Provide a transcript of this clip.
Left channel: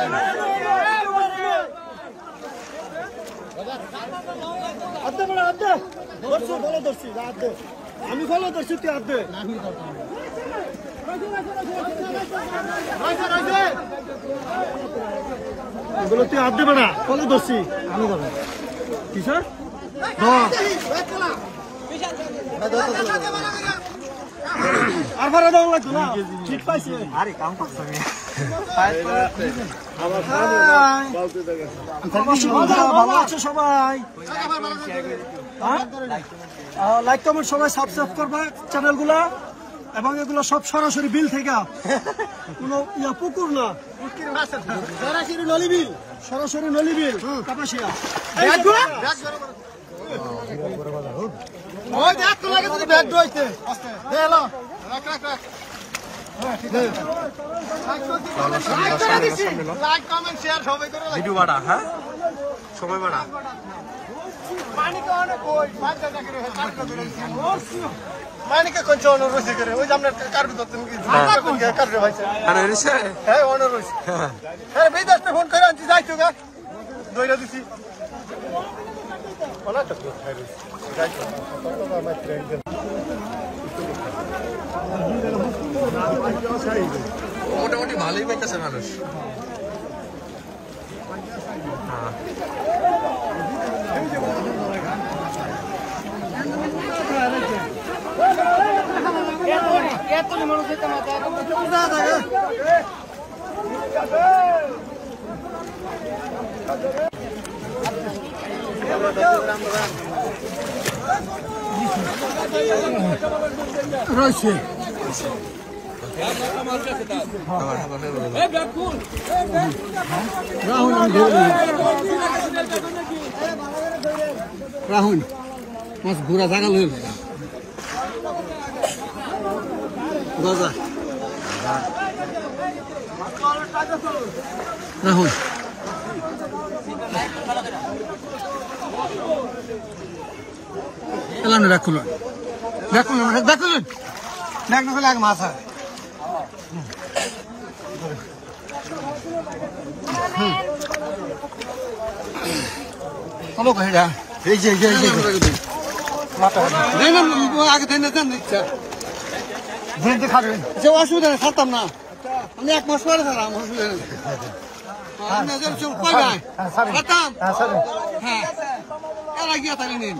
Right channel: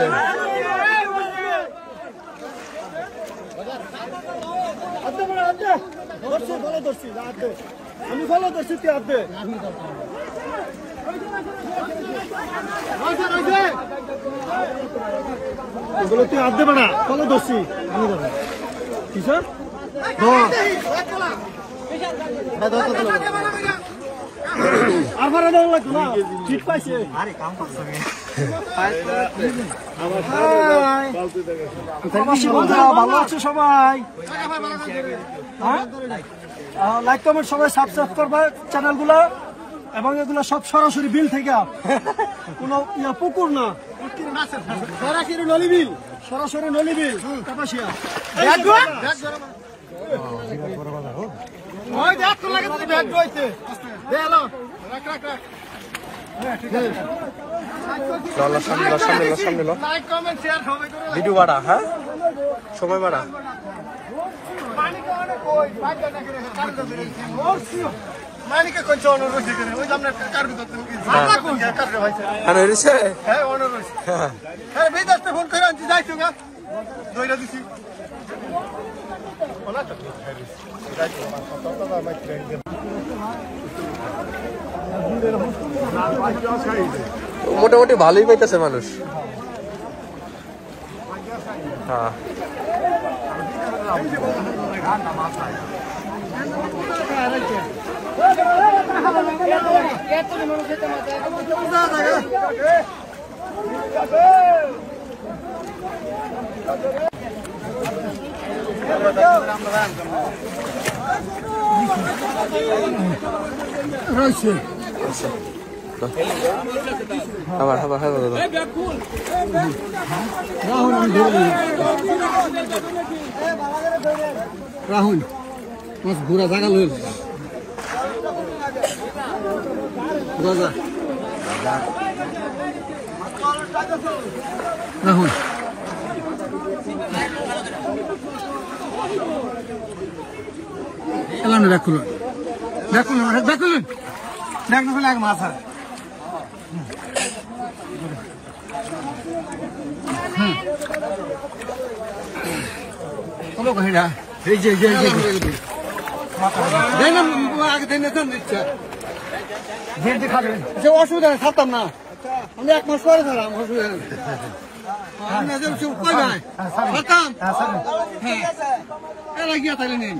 হয়েছে আমি ফলো করছি তুই আব্দে এগুলো তুই আব্দে বেড়া ফলো করছি আমি করবো কি স্যার ঠিক পাইছে আরে কাম করছে ভালো আছে সবাই লাইক কমেন্ট সবাই সাবস্ক্রাইব করবে চ্যানেলগুলো এবং এগুলো সব সরাসরি বিল থেকে কোনো পুকুর না সরাসরি নলি বিল কাপাসিয়া ভিডিও বাড়া হ্যাঁ সময় বাড়া মোটামুটি ভালোই পাইতেছে মানুষ হ্যাঁ রয়েছে রাহুল রাহুল মাছ ঘোরা জায়গা লইল রাহুল এলাম রাখুলেন দেখ না এক মাছ হয় কোনো কহিরা এই যে অসুবিধা নেই থাকতাম না আমি এক মাস পরে দিলাম অসুবিধা নেই হ্যাঁ এরা গিয়া তাহলে নিন